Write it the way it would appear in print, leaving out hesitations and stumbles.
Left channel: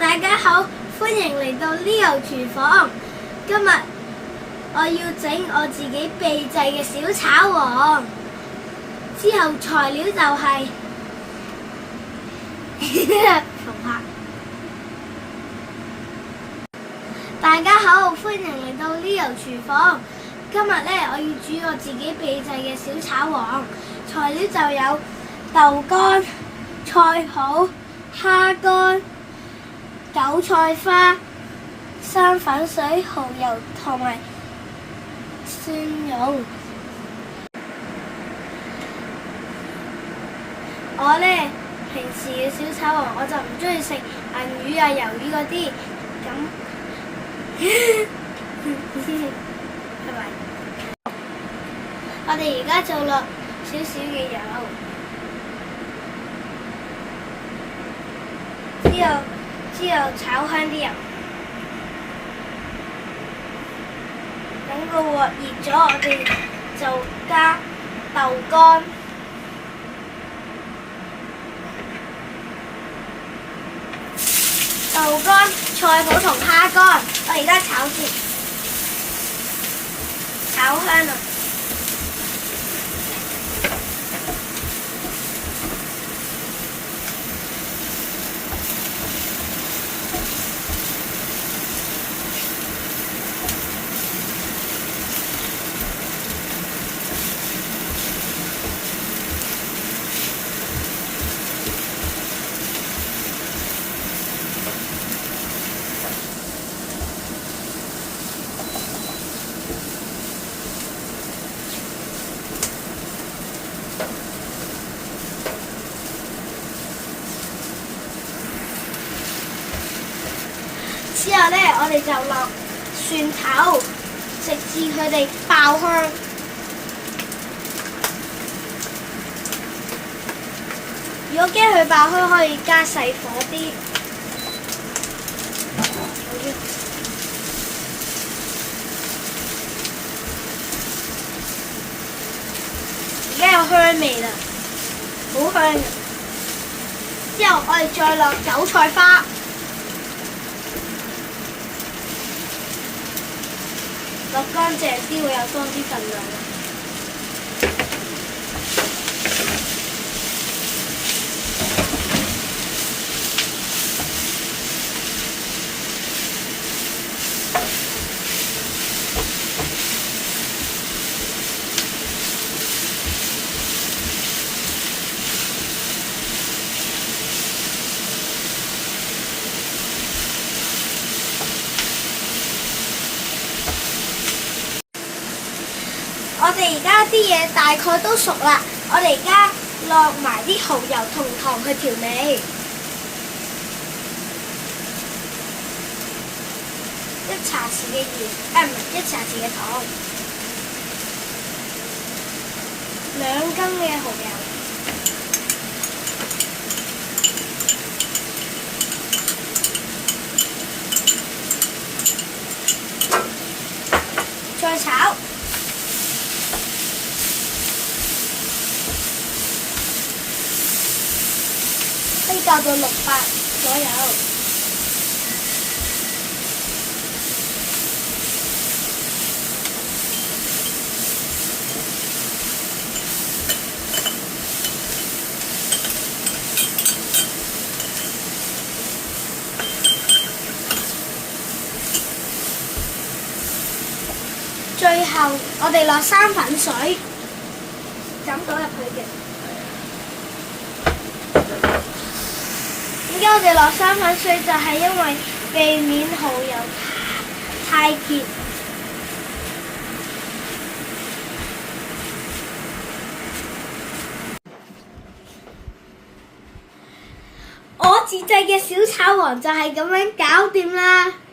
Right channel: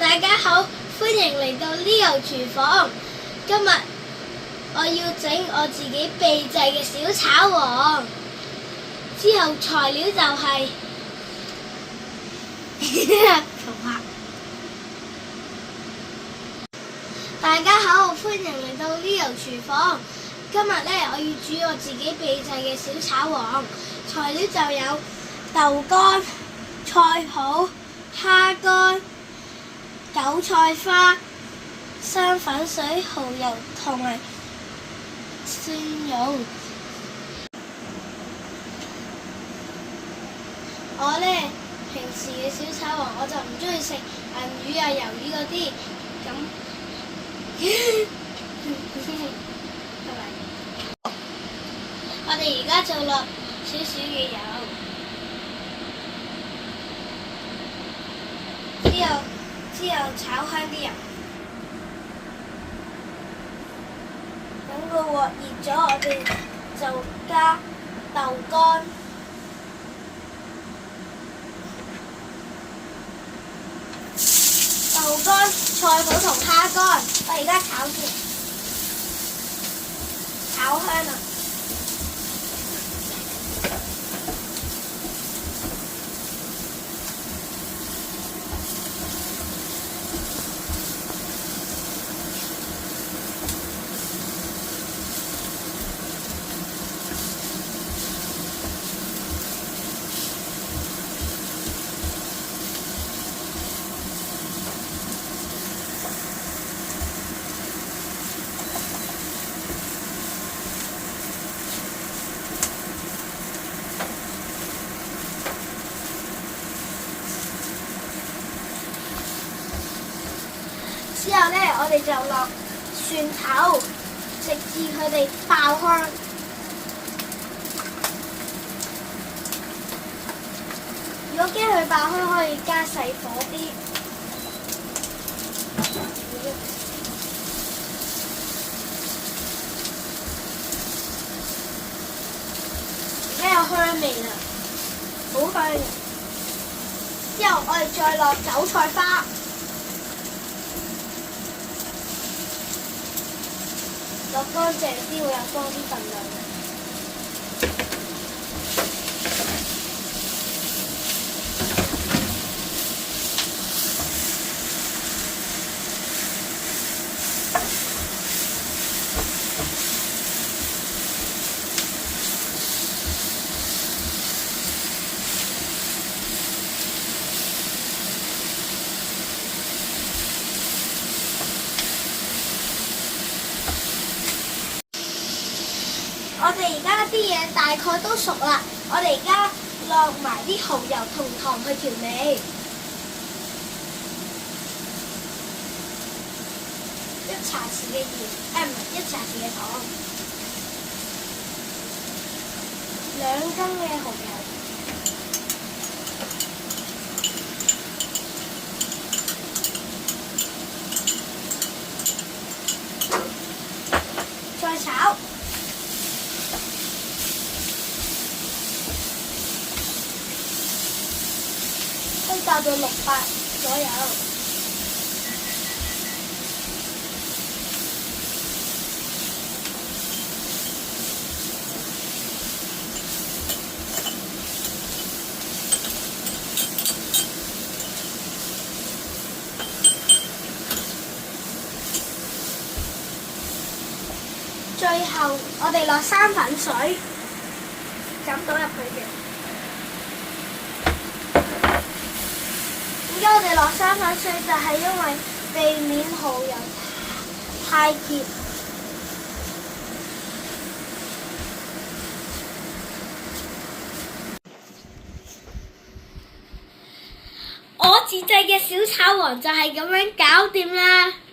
大家好，歡迎嚟到 Leo 廚房。今日我要整我自己秘製嘅小炒王。之後材料就係大家好，歡迎嚟到 Leo 廚房。今日呢，我要煮我自己秘製嘅小炒王。材料就有豆乾、菜脯、蝦乾、韭菜花、生粉水、蠔油同埋蒜蓉。我呢，平時嘅小炒王我就唔中意食銀魚啊、魷魚嗰啲，係咪？我哋而家就落少少嘅油，之後炒香啲油。等個鑊熱咗，我哋就加豆乾。豆乾、菜脯同蝦乾，我而家炒先，炒香啦。之後呢，我哋就落蒜頭，直至佢哋爆香。如果驚佢爆香，可以加細火啲。而家有香味啦，好香。之後我哋再落韭菜花。落乾淨啲會有多啲份量。我哋而家啲嘢大概都熟啦，我哋而家落埋啲蠔油同糖去調味，一茶匙嘅鹽，唔係1茶匙嘅糖，2羹嘅蠔油，再炒。可以較到600左右。最後我哋落生粉水，抌到入去嘅。點解我哋落生粉水？就係因為避免蠔油太結。我自製嘅小炒王就係咁樣搞掂啦〜